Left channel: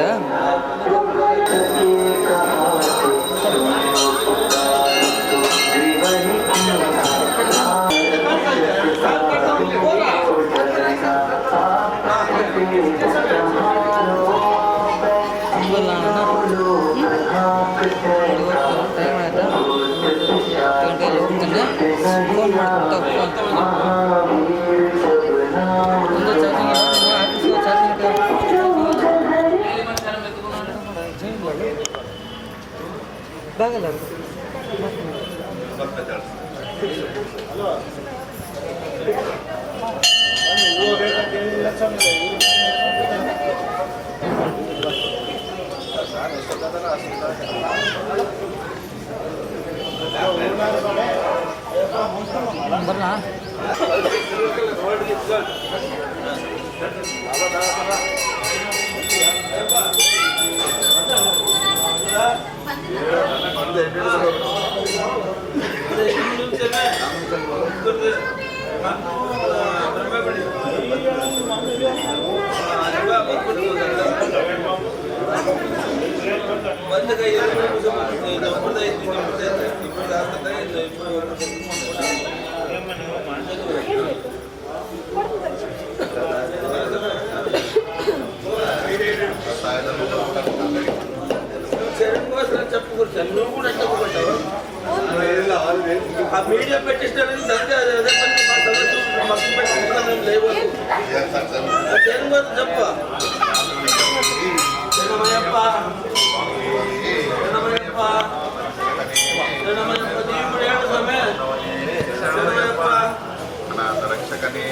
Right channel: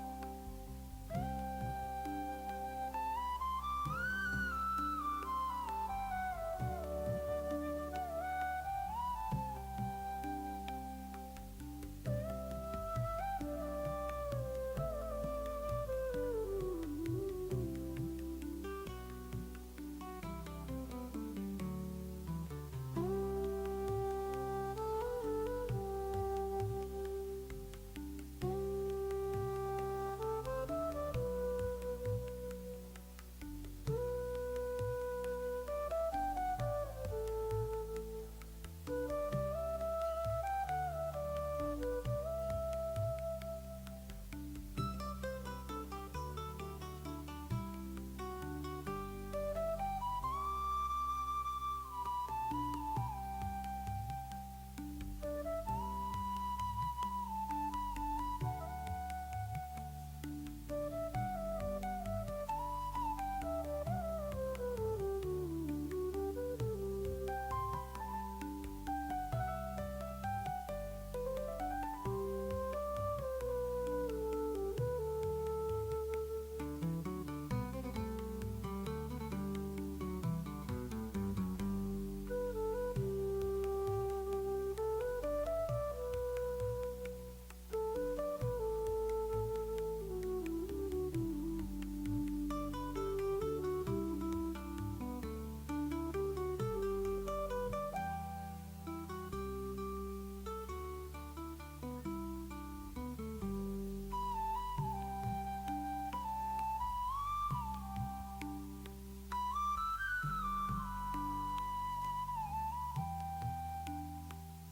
ಹೌದಾ? ಟೈಮ್ ಆಯ್ತಾ? 10 ಗಂಟೆಗೆ ಹೋಗ್ತೇನೆ. ಫೋನ್ ಮಾಡ್ತೀನಿ ಒಂದು ಚಾರ್ಜಿಂಗ್ ಆಫೀಸ್ಗೆ ಚಾರ್ಜಿಂಗ್ ಬಾಗಲ್ಲ ಬರಲಾ? మీడియా పెట్టిస్తారు చెప్ప రక్షకనే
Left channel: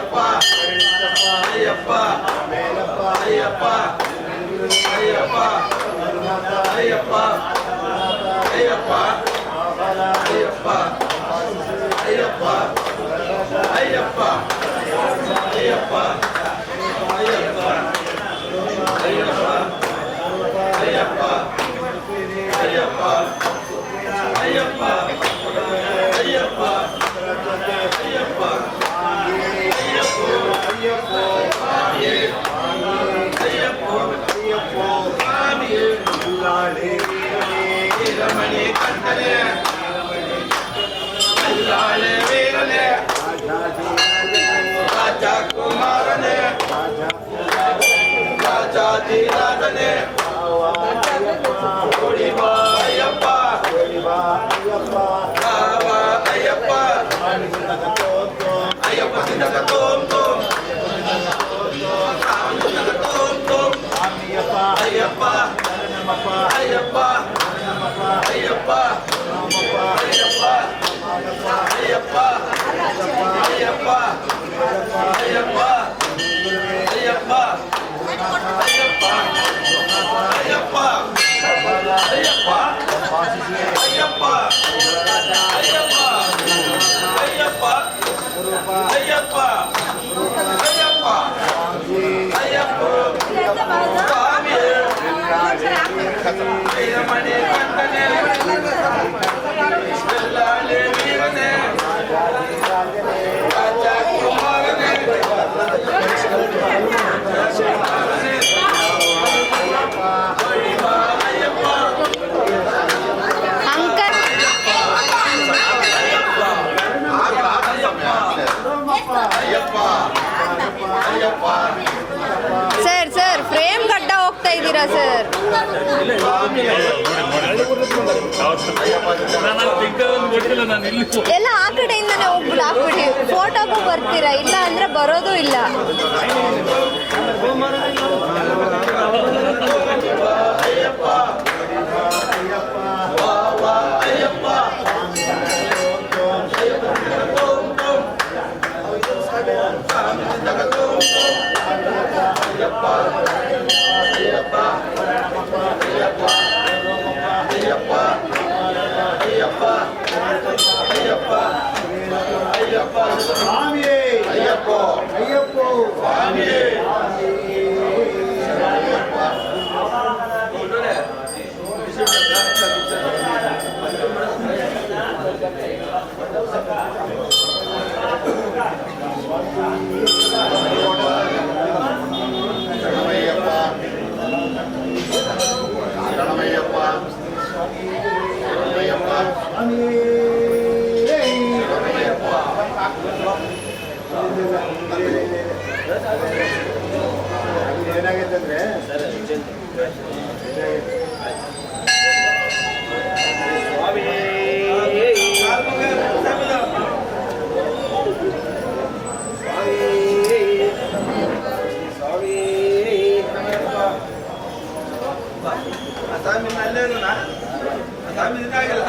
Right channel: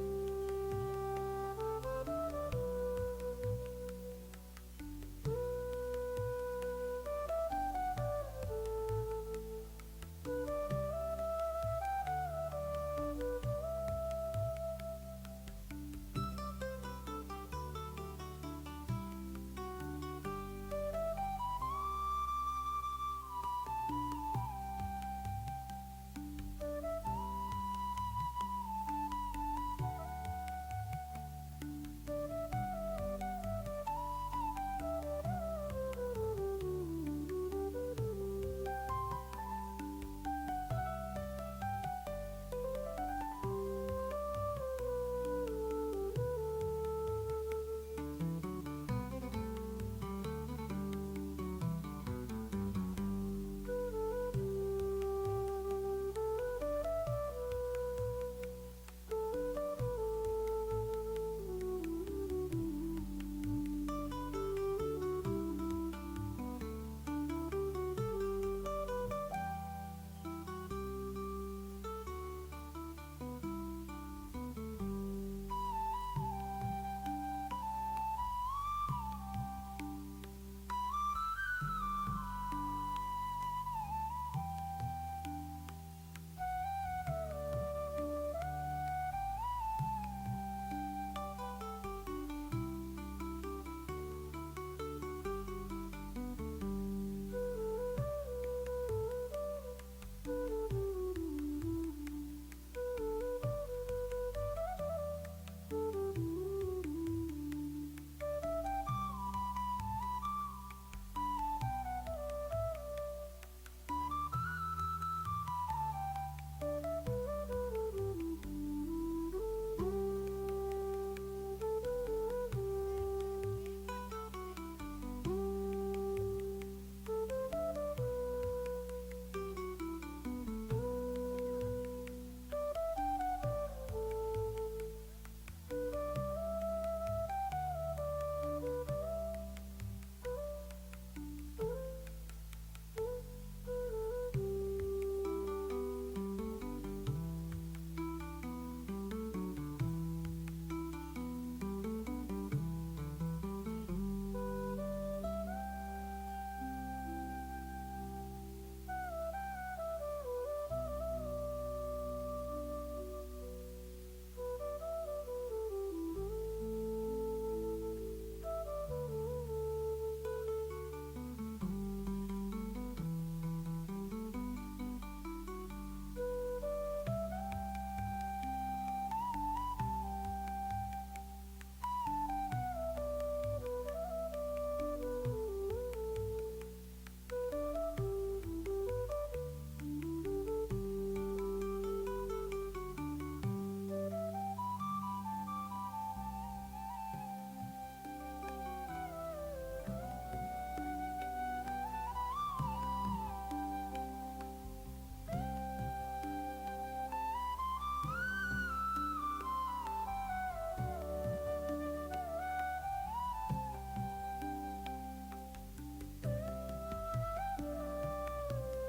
ಅಯ್ಯಪ್ಪ ಅಯ್ಯಪ್ಪ ಅಯ್ಯಪ್ಪ ಅಯ್ಯಪ್ಪ ಅಯ್ಯಪ್ಪ ಅಯ್ಯಪ್ಪ ಅಯ್ಯಪ್ಪ ಅಯ್ಯಪ್ಪ ಅಯ್ಯಪ್ಪ ಅಯ್ಯಪ್ಪ ಅಯ್ಯಪ್ಪ ಅಯ್ಯಪ್ಪ ಅಯ್ಯಪ್ಪ ಅಯ್ಯಪ್ಪ ಅಯ್ಯಪ್ಪ ಅಯ್ಯಪ್ಪ ಅಯ್ಯಪ್ಪ ರಮಣಿ ಕಂಠನೆ ಅಲ್ಲಾಳೆ ವೀರನೆ ರಾಜ ಕುಮಾರನೆ ರಾಜಾಧಿರಾಜನೆ ಕುಡಿಬಾ ಅಯ್ಯಪ್ಪ ಬಾವ ಅಯ್ಯಪ್ಪ ಅಯ್ಯಪ್ಪ ಸಿದ್ಧಕ ತೋಂ ತೋಂ ತೋಂ ತೋಂ ಅಯ್ಯಪ್ಪ ಅಯ್ಯಪ್ಪ ಅಯ್ಯಪ್ಪ ಅಯ್ಯಪ್ಪ ಅಯ್ಯಪ್ಪ ಅಯ್ಯಪ್ಪ ಅಯ್ಯಪ್ಪ ಅಯ್ಯಪ್ಪ ಅಯ್ಯಪ್ಪ ಅಯ್ಯಪ್ಪ ಅಯ್ಯಪ್ಪ ಅಯ್ಯಪ್ಪ ಅಯ್ಯಪ್ಪ ಅಯ್ಯಪ್ಪ ಅಯ್ಯಪ್ಪ ಅಯ್ಯಪ್ಪ ಅಯ್ಯಪ್ಪ ಸ್ವಾಮಿ ವೀರಮಣಿ ಕಂಠನೆ ಎಲ್ಲಾಳೆ ವೀರನೆ ರಾಜ ಕುಮಾರನೆ ಸರ್ ಸರ್ ಫ್ರೇಮ್ ಗಡ್ಡ ಹೋಗ್ತಾ ಇದ್ದೀರಾ ಸರ್? ಎಲ್ಲ ಆ ಕಡೆಯಿಂದನೇ ಒಬ್ರು ಹಾಕ್ಬಿಡಿ, ಫೋಟೋಗೂ ಬರ್ತೀರಾ, ಇಲ್ಲ ಅಂದ್ರೆ ಬರೋದು ಇಲ್ಲ. ಏನಾಗೈತಂದ್ರೆ ಸ್ವಾಮಿ ಅಲ್ಲೇನು ಸ್ವಾಮಿ ಇದಾಗಿಲ್ಲ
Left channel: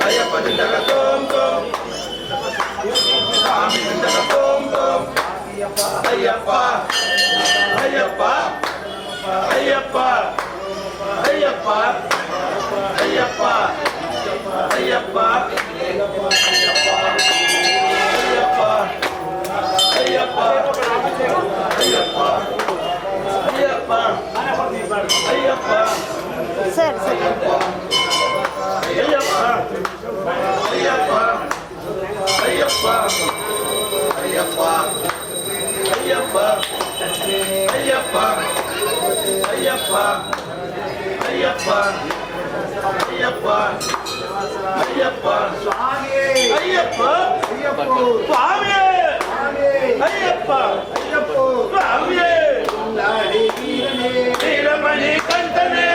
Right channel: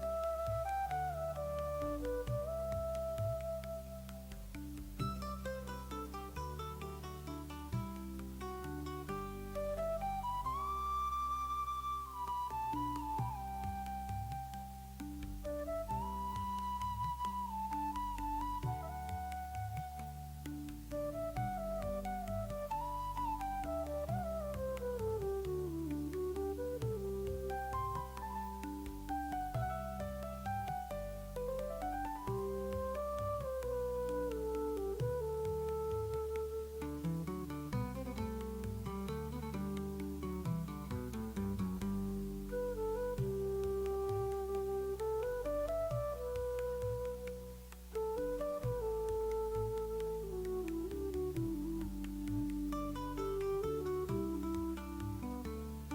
ಅಯ್ಯಪ್ಪ ಸಿದ್ಧಕ ತೋಂ ತೋಂ ಸ್ವಾಮಿ ಸಿದ್ಧಕ ತೋಂ ತೋಂ ಅಯ್ಯಪ್ಪ ಅಯ್ಯಪ್ಪ ಅಯ್ಯಪ್ಪ ಅಯ್ಯಪ್ಪ ಅಯ್ಯಪ್ಪ ಅಯ್ಯಪ್ಪ ಅಯ್ಯಪ್ಪ ಅಯ್ಯಪ್ಪ ಅಯ್ಯಪ್ಪ ಸರ್ ಸರ್ ಅಯ್ಯಪ್ಪ ಅಯ್ಯಪ್ಪ ಅಯ್ಯಪ್ಪ ಅಯ್ಯಪ್ಪ ಅಯ್ಯಪ್ಪ ಅಯ್ಯಪ್ಪ ಅಯ್ಯಪ್ಪ ಅಯ್ಯಪ್ಪ ಅಯ್ಯಪ್ಪ ಅಯ್ಯಪ್ಪ ಸ್ವಾಮಿ ಅಯ್ಯಪ್ಪ ಅಯ್ಯಪ್ಪ ಸ್ವಾಮಿ ಅಯ್ಯಪ್ಪ ಅಯ್ಯಪ್ಪ ಸ್ವಾಮಿ ವೀರಮಣಿ ಕಂಠನೆ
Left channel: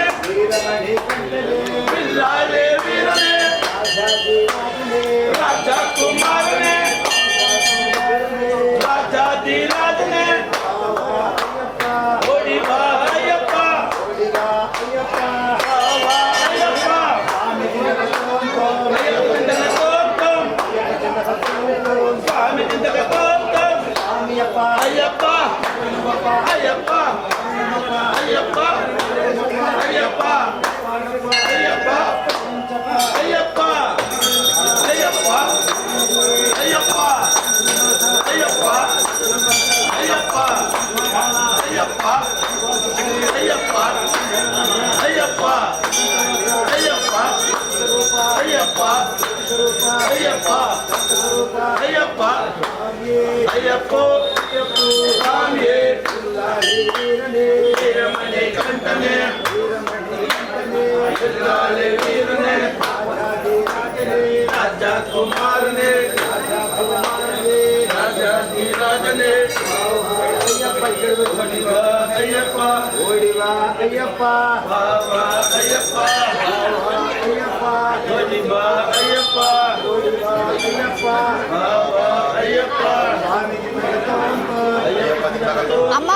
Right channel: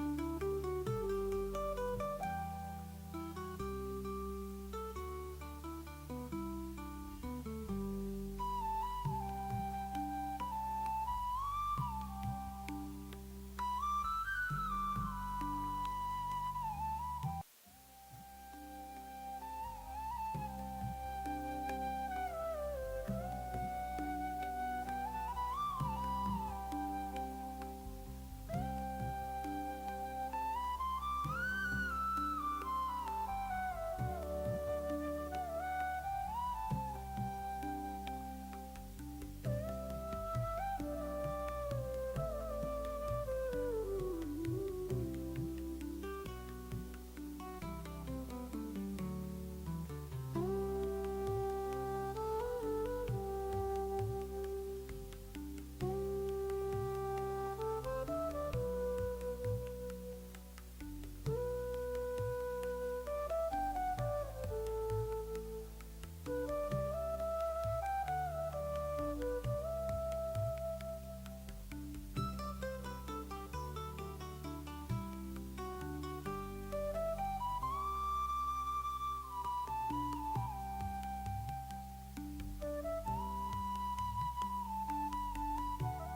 ಬಿಲ್ಲಾಳೆ ವೀರನೇ ರಾಜ ಕುಮಾರನೇ ರಾಜನೇ ಅಯ್ಯಪ್ಪ ಓಡಿವಾ ಅಯ್ಯಪ್ಪ ಬಾಬಾ ಅಯ್ಯಪ್ಪ ಅಯ್ಯಪ್ಪ ಓಡಿವಾ ಅಯ್ಯಪ್ಪ ಓಡಿವಾ ಅಯ್ಯಪ್ಪ ಬಾಬಾ ಅಯ್ಯಪ್ಪ ಅಮ್ಮ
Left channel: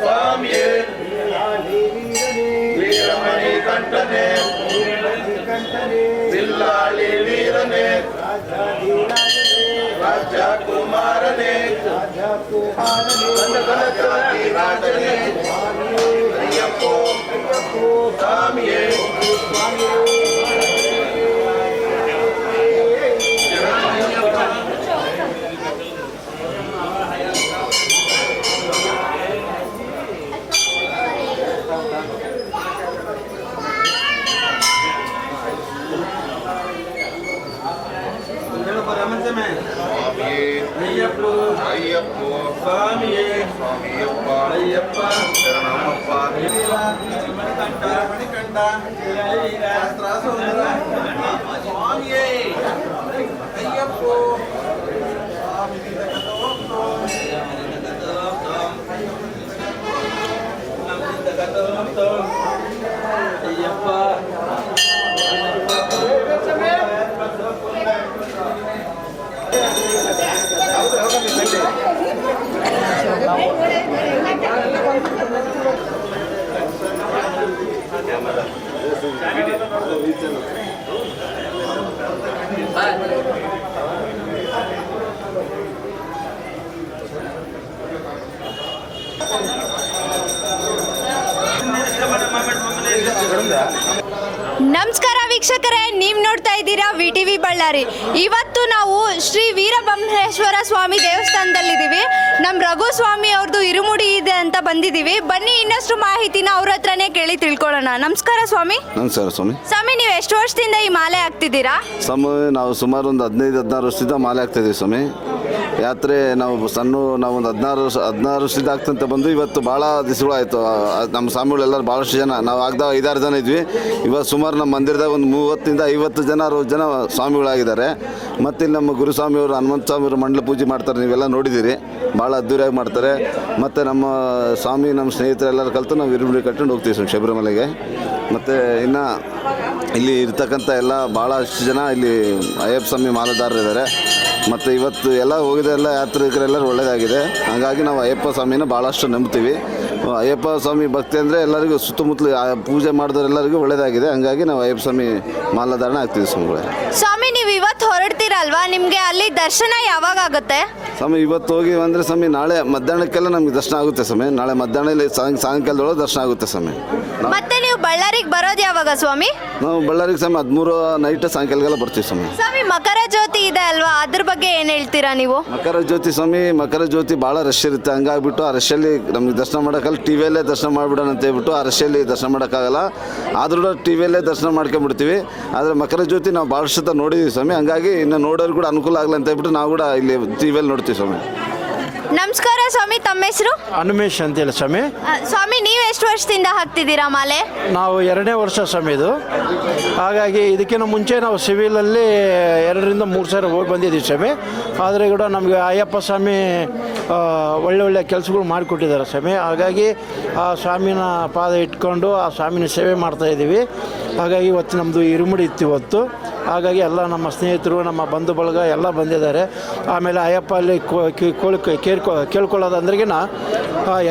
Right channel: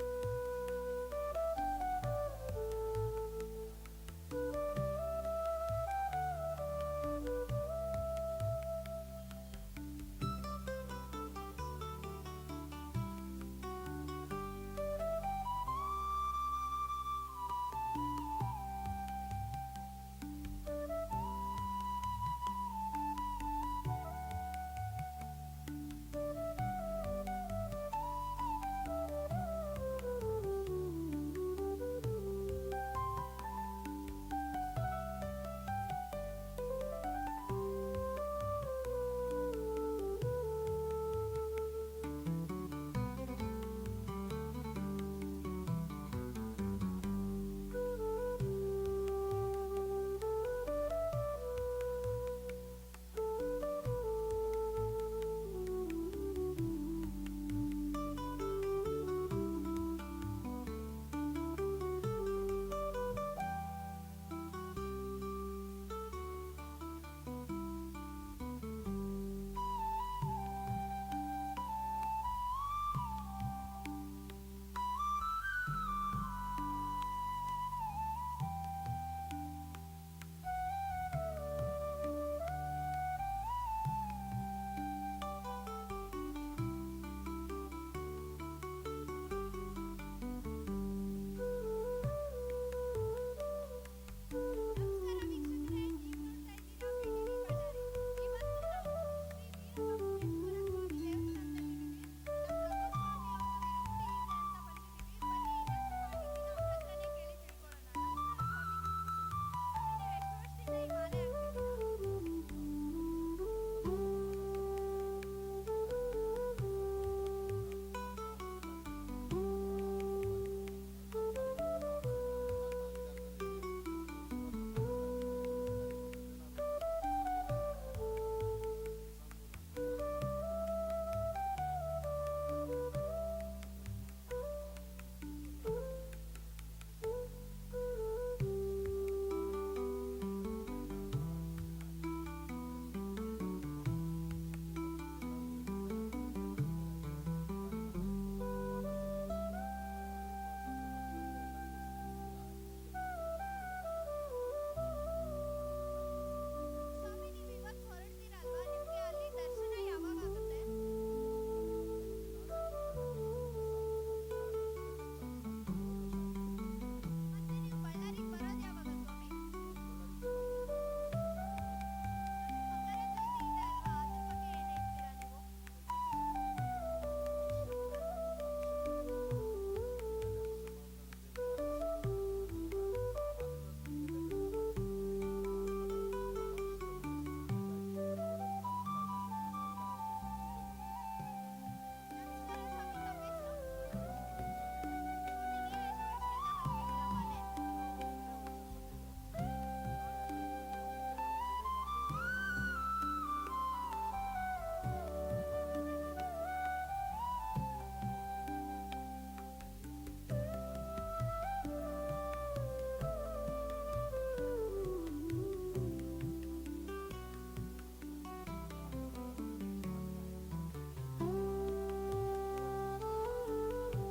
ಸ್ವಾಮಿಯೇ ವೀರಮಣಿ ಕಂಠನೆ ಬಿಲ್ಲಾಳಿ ವೀರನೇ ರಾಜ ಕುಮಾರನೇ ರಾಜನೇ ಅಯ್ಯಪ್ಪ ಸ್ವಾಮಿಯೇ ಸ್ವಾಮಿಯೇ ಸ್ವಾಮಿಯಪ್ಪ ಅಯ್ಯಪ್ಪ ಶರಣಮಪ್ಪ ಮಣಿಕಂಠ ಸ್ವಾಮಿಯೇ ಅಯ್ಯಪ್ಪ ಅಯ್ಯಪ್ಪ ನಮಸ್ಕಾರ ವೀಕ್ಷಕರೇ, ನೀವು ನೋಡ್ತಾ ಇದ್ದೀರಾ VTV ಬಳ್ಳಾರಿ. ಇವತ್ತು ನಾವು ಶ್ರೀ ವೀರಬ್ರಹ್ಮೇಶ್ವರ ಸ್ವಾಮಿ ದೇವಸ್ಥಾನದಲ್ಲಿದ್ದೀವಿ. ನಮ್ಮ ರಘು ಸ್ವಾಮಿ ಅವ್ರದ್ದು ಇರುಮುಡಿ ಇದೆ ಅಂತ ಬಂದಿದ್ದೀವಿ. ಬನ್ನಿ ಇನ್ನಷ್ಟು ಮಾಹಿತಿನ ಅವ್ರ ಹತ್ರನೇ ಕೇಳಿ ತಿಳ್ಕೊಳ್ಳೋಣ. ನಮಸ್ಕಾರ ಸ್ವಾಮಿ. ನಮಸ್ಕಾರ ಸ್ವಾಮಿ. ಸ್ವಾಮಿ, ನೀವು ಎಷ್ಟು ವರ್ಷದಿಂದ ಈ ಮಾಲೆ ಹಾಕ್ತಿದ್ದೀರಾ? ಸ್ವಾಮಿ, ನಾವು ಸುಮಾರು ಒಂದು 15-16 ವರ್ಷದಿಂದ ಮಾಲೆ ಹಾಕ್ತಾಯಿದ್ದೀವಿ ಸ್ವಾಮಿ. ಯಾತ್ರೆ ನಾವು ಒಂದು 16 ವರ್ಷದಿಂದ ಆಗ್ತಂತ ಬಂದು ಇವತ್ತು ಭಾಳ ದಿವಸಗಳಾಯಿತು. ನಮ್ಮ ಸ್ವಾಮಿಗಳೆಲ್ಲರೂ ಭಾಳಷ್ಟು ಜನ, ನಾವು ಆಗದಾಗ 5-6 ಜನ ಇದ್ವಿ. ಇವತ್ತು ಸುಮಾರು ನಮ್ಮ ಮಂದಿರದಾಗ ಒಂದು 30-50 ಜನ ಸ್ವಾಮಿಗಳಾಗಿದ್ದಾರೆ. ಮತ್ತು ಇಲ್ಲಿ ನಮ್ಮ ಗುರುಸ್ವಾಮಿಯವರು ಹನುಮಂತ ಸ್ವಾಮಿಯವರು ಮಂಡಲ ಪೂಜೆ ಮಾಡ್ತಾರೆ, ನೀವೆಲ್ಲ ನೋಡಿದ್ದೀರಿ. ಭಾಳ ಅದ್ದೂರಿಯಾಗಿ ಮಾಡ್ತಾರೆ. ಮತ್ತು ನಮ್ಮ ಸ್ವಾಮಿ, ನಮ್ಮ ಸ್ನೇಹಿತರೆಲ್ಲರೂ ಕಲಿತು ನಾವು ಇರುಮುಡಿ ಕಟ್ಕೊಂಡು ಹೋಗ್ತೀವಿ ಸ್ವಾಮಿ ಶಬರಿಮಲೆಗೆ. ಮತ್ತು ಇನ್ನು ಇಲ್ಲಿ ಇರ್ತಕ್ಕಂಥ ಎಲ್ಲ ಭಾಳಷ್ಟು ಜನ ಇಲ್ಲಿ ಅಯ್ಯಪ್ಪ ಸ್ವಾಮಿ ಮಾಲೆದಾರರಿದ್ದಾರೆ. ಮತ್ತು ಇವತ್ತು ಎಲ್ಲ ಹೋಗಿದ್ದೆಲ್ಲ ಯಾತ್ರಿಕರೆಲ್ಲರೂ ಒಳ್ಳೆಯದಾಗಿದೆ. ಹಾಗಾಗಿ ನಾವು ಅಯ್ಯಪ್ಪ ಸ್ವಾಮಿನ ಭಾಳಷ್ಟು ನಂಬ್ತೀವಿ. ಅಯ್ಯಪ್ಪ ಸ್ವಾಮಿ ಭಕ್ತಿ ಅಂದರೆ ಎಲ್ಲರಿಗೂ ಸುತ್ತಮುತ್ತಲು ಪೂಜೆ ಮಾಡಿದವರೆಲ್ಲರಿಗೂ ಒಳ್ಳೆಯದಾಗಿದೆ. ಹಂಗಾಗಿ ನಾವು ಅಯ್ಯಪ್ಪ ಸ್ವಾಮಿ ಮಾಲಾಧಾರಣೆ ಆಗ್ತೀವಿ ಸ್ವಾಮಿಗಳೇ. ಸ್ವಾಮಿ, ನೀವು ಇವತ್ತು ಹೊರಡ್ತೀರಲ್ವಾ, ನಿಮಗೆ ಅಲ್ಲಿ ದರ್ಶನ ಯಾವಾಗ ಆಗುತ್ತೆ? ಸ್ವಾಮಿ, ಇವತ್ತು ಹೋಗಿ ಅಂದರೆ ಸ್ವಾಮಿ ನಾಳೆ ಮಧ್ಯಾಹ್ನಕ್ಕೆಲ್ಲ ನಮಗೆ ದರ್ಶನ ಆಗುತ್ತೆ ಸ್ವಾಮಿ. ನಾಳೆ ಮಧ್ಯಾಹ್ನ ಇಲ್ಲಿ ಸಾಯಂಕಾಲದೊಳಗೆ ದರ್ಶನ ಆಗುತ್ತೆ ಸ್ವಾಮಿ. ಮತ್ತೆ ನೀವು ಬಳ್ಳಾರಿಗೆ ಬರೋದು ಯಾವಾಗ ಸ್ವಾಮಿ? ನಾವು ಬಳ್ಳಾರಿಗೆ ಸ್ವಾಮಿ 13 ನೈಟ್ ಸಾಯಂಕಾಲಗೆಲ್ಲ ಬರ್ತೀವಿ ಸ್ವಾಮಿ. ಸ್ವಾಮಿ, ಮಕರ ಜ್ಯೋತಿ ಇದೆ ಅಲ್ವಾ, ಅದ್ರ ಬಗ್ಗೆ ಏನು ಹೇಳ್ತೀರಾ ನೀವು? ಮಕರ ಜ್ಯೋತಿ ಸ್ವಾಮಿ, ಮಕರ ಜ್ಯೋತಿ ಭಾಳ ರಶ್ ಇರುತ್ತೆ. ಹಂಗಾಗ್ಬಿಟ್ಟು ಆ ರಶಲ್ಲಿ ನಮಗೆ ದರ್ಶನ ಮಾಡೋಕ್ಕಲ್ಲ, ಟಿ ವಿಯಲ್ಲೇ ದರ್ಶನ ಮಾಡಿಬಿಡೋಣ ಅಂತ ಹೇಳ್ಬಿಟ್ಟು ಆ ರಶಲ್ಲಿ ದರ್ಶನ ಮಾಡೋಕ್ಕಾಗಲ್ಲ. ಆದ್ರೂ ಟಿ ವಿಯಲ್ಲೇ ದರ್ಶನ ಮಾಡ್ಕೊಂಡ್ಬಿಡ್ತೀವಿ. ಆದರೆ ಮಕರ ಜ್ಯೋತಿ ನಾವು ಭಾಳಷ್ಟು ನೋಡಿದ್ದೀವಿ ಸ್ವಾಮಿ. ಹಂಗಾಗಿ ಇನ್ನು ನೋಡೋರು ಕೂಡ ಅನುಕೂಲ ಆಗಲಿ ಅಂತ ಹೇಳ್ಬಿಟ್ಟು ನಾವು ಕೂಡ ಇಲ್ಲಿ ಟಿ ವಿಯಲ್ಲಿ ನೋಡ್ತೀವಿ ಸ್ವಾಮಿ. ನಮಸ್ಕಾರ ಸ್ವಾಮಿ, ತಮ್ಮ ಹೆಸರು? ಹನುಮೇಶ್ ಅಂತೇಳಿ ಸ್ವಾಮಿ. ಸ್ವಾಮಿ, ನೀವು ಎಷ್ಟು ವರ್ಷದಿಂದ ಹಾಕ್ತಿದ್ದೀರಾ ಮಾಲೆ? ನಾವು 2ನೇ ವರ್ಷ ಸ್ವಾಮಿ ಇದು. ಹಾಗಾಗಿ ಇದಕ್ಕಿಂತ ಮುಂಚೆ ನಾವು ಸಿವಿಲಲ್ಲಿ 2-3 ಸಾರಿ ಹೋಗಿ ಬಂದಿದ್ದೀವಿ ಸ್ವಾಮಿ. ಆದರೆ ಕೂಡ ನಮಗೆ ಅಯ್ಯಪ್ಪ ಸ್ವಾಮಿ ಒಳ್ಳೆ ಕೆಲಸಗಳು ಮಾಡಿಕೊಟ್ಟಿದ್ದಾರೆ ಸ್ವಾಮಿ. ಹಾಗಾಗಿ ಆ ಸ್ವಾಮಿನ ಪಾದ ಇಟ್ಕೊಂಡು ಆ ಸ್ವಾಮಿನ ಸೇವೆ ಮಾಡ್ತಾಯಿದ್ದೀವಿ. ಹಾಗಾಗಿ ಇವತ್ತು ನಮ್ಮದು ಇರುಮುಡಿ ಇತ್ತು ಇವತ್ತು. ಹಾಗಾಗಿ ಎಲ್ಲ ನಮ್ಮ ಸ್ನೇಹಿತರು, ನಮ್ಮ ಬಂಧು ಬಳಗ ಎಲ್ಲ ಬಂದಿದ್ದಾರೆ. ಆಮೇಲೆ ಅಯ್ಯಪ್ಪ ಅಲ್ಲಿ ಕೇಳ್ಕೊಳ್ಳೋದಂದ್ರಿಗಿನ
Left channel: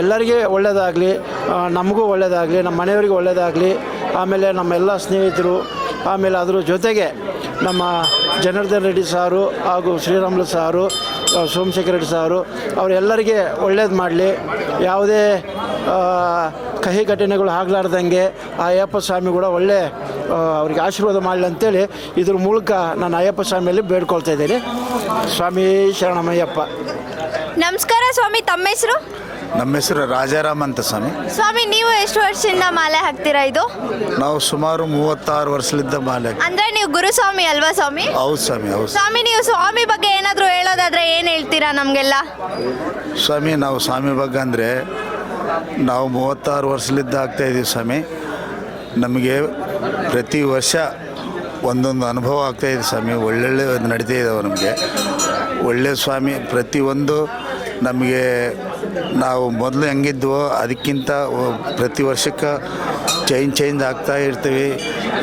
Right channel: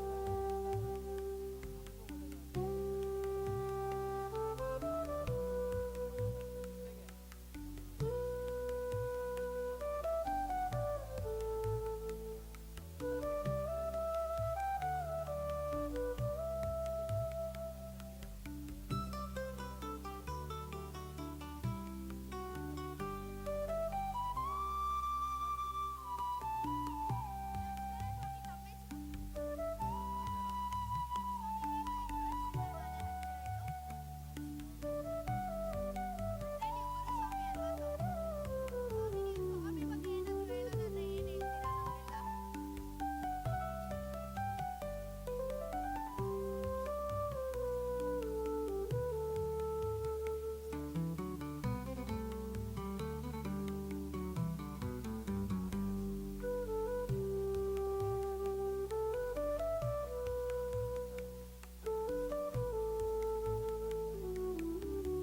ಎಲ್ಲರಿಗೆ ಒಳ್ಳೆಯದಾಗಲಿ, ನಮಗೂ ಒಳ್ಳೆಯದಾಗಲಿ, ನಮ್ಮ ಮನೆಯವರಿಗೂ ಒಳ್ಳೆಯದಾಗಲಿ. ಆಮೇಲೆ ನಮ್ಮೆಲ್ಲ ಸ್ನೇಹಿತರು, ಆಮೇಲೆ ಅದ್ರ ಜೊತೆಗೆ ನಮ್ಮ ಜನಾರ್ದನ್ ರೆಡ್ಡಿ ಸಾರು ಹಾಗೂ ಶ್ರೀರಾಮುಲು ಸಾರು, ಸೋಮಶೇಖರ್ ರೆಡ್ಡಿ ಸಾರು ಅವರೆಲ್ಲರಿಗೆ ಒಳ್ಳೇದು ಮಾಡಲಿ. ಯಾವುದೇ ಕಹಿ ಘಟನೆಗಳು ಆಗಲಾರ್ದಂಗೆ ಆ ಅಯ್ಯಪ್ಪ ಸ್ವಾಮಿ ಕೂಡ ಒಳ್ಳೆ ಅವ್ರಿಗೆ ಆಶೀರ್ವಾದ ಮಾಡಲಿ ಅಂತೇಳಿ ಇದ್ರ ಮೂಲಕ ನಾನು ಅಯ್ಯಪ್ಪ ಸ್ವಾಮಿಯಲ್ಲಿ ಬೇಡ್ಕೊಳ್ತಾ ಇದ್ದೀನಿ. ಸ್ವಾಮಿ ಶರಣಮಯ್ಯಪ್ಪ. ನಮಸ್ಕಾರ ಸ್ವಾಮಿ, ತಮ್ಮ ಹೆಸರು? ನಮ್ಮ ಹೆಸರು ರಾಜಾರಾಮ್ ಅಂತ ಸ್ವಾಮಿ. ಸ್ವಾಮಿ, ನೀವು ಎಷ್ಟು ವರ್ಷದಿಂದ ಮಾಲೆ ಹಾಕ್ತೀರಾ ಇದು? ನಾವು ಸುಮಾರು 36 ವರ್ಷದಿಂದ ಮಾಲೆ. ಅಂದ್ರೆ ನೀವು ಗುರುಸ್ವಾಮಿ ಅಲ್ವಾ ಸ್ವಾಮಿ? ಹೌದು ಸ್ವಾಮಿ, ಹೌದು ಸ್ವಾಮಿ, ನೀವು ಸ್ವಾಮಿ ಬಗ್ಗೆ ಏನಾದರೂ ಹೇಳೋದಾದ್ರೆ ಏನು ಹೇಳ್ತೀರಾ ನಮಗೆಲ್ಲ? ಸ್ವಾಮಿ, ನಾವು ಸ್ವಾಮಿ ಬಗ್ಗೆ ಅಂದರೆ ನಾವು 36 ವರ್ಷದಿಂದ ಆಗ್ತಾಯಿದ್ದೀವಿ ಸ್ವಾಮಿ. ನಮಗೆ ಪ್ರತಿ ವರ್ಷ ಒಂದೊಂದು ಅನುಭವ ಆಗ್ತಾಯಿದೆ ಸ್ವಾಮಿ. ಒಳ್ಳೊಳ್ಳೆ ನಡೀತಾ ಇದ್ದಾವೆ ನಮಗೆ. ಒಳ್ಳೆಯ ಸ್ವಾಮಿ ಪ್ರತಿಯೊಂದು ನಮಗೆ ನಾವು ಮೊದಲು ಹೆಂಗಿದ್ವೋ ಅದಕ್ಕಿಂತ ಪ್ರತಿ ವರ್ಷಕ್ಕೆ ಚೇಂಜ್ ಆಗ್ತಾ ಇರ್ತೀವಿ.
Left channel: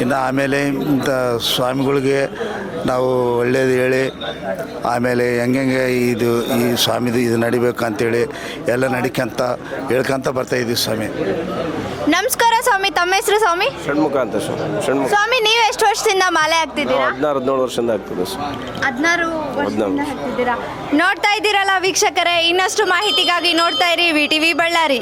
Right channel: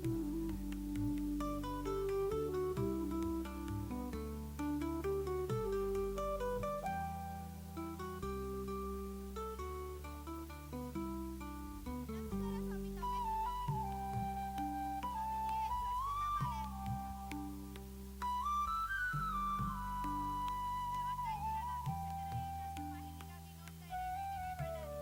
ಇನ್ನು ಆಮೇಲೆ ಇಂಥ ಸ್ವಾಮಿಗಳಿಗೆ ನಾವು ಒಳ್ಳೇದು ಹೇಳಿ ಆಮೇಲೆ ಹೆಂಗೆ ಈ ಸ್ವಾಮಿದು ಇದು ನಡಿಬೇಕು ಅಂತೇಳಿ ಎಲ್ಲ ನಡಿಕಂತ ಹೇಳ್ಕೊಂತ ಬರ್ತಾಯಿದ್ದೀವಿ ಸ್ವಾಮಿ. ನಮಸ್ಕಾರ ಸ್ವಾಮಿ, ತಮ್ಮ ಹೆಸರು ಸ್ವಾಮಿ? ಷಣ್ಮುಖ ಅಂತ ಷಣ್ಮುಖ. ಸ್ವಾಮಿ, ನೀವು ಎಷ್ಟು ವರ್ಷದಿಂದ ಮಾಲೆ ಹಾಕ್ತಿದ್ದೀರಾ? 16-17 ವರ್ಷದಿಂದ ಆಗ್ತದೆ. 16 ವರ್ಷದಿಂದ ಹಾಕ್ತಿದ್ದೀರಾ. ನೋಡ್ತಾ ಇದ್ದೀರಲ್ಲ ವೀಕ್ಷಕರೇ, ಇನ್ನಷ್ಟು ಮಾಹಿತಿಗಾಗಿ ನೋಡ್ತಾ ಇರಿ VTV ಬಳ್ಳಾರಿ.